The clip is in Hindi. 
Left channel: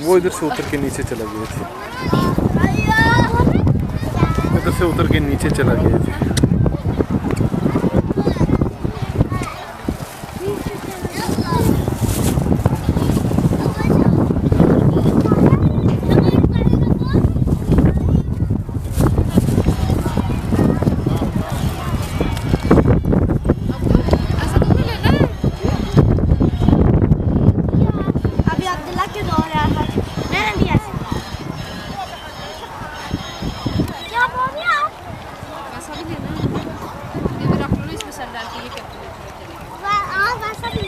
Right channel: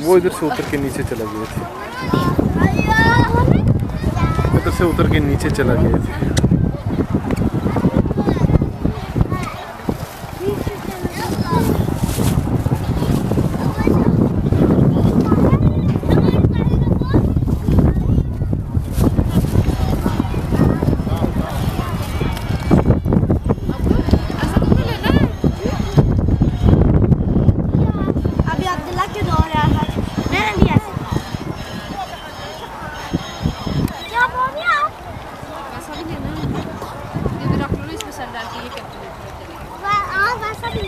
वो इधर से उतर के नीचे चला गए थे, इधर से उतर के नीचे चला गए थे। अब्दुल्ला के दो यार मैंने लिया क्या बोल रहे आप? वैसा भी लेना है, ये भी रख लो इसमें सर डाल के, ये कैलकुलेटर चलेगा। वैसा भी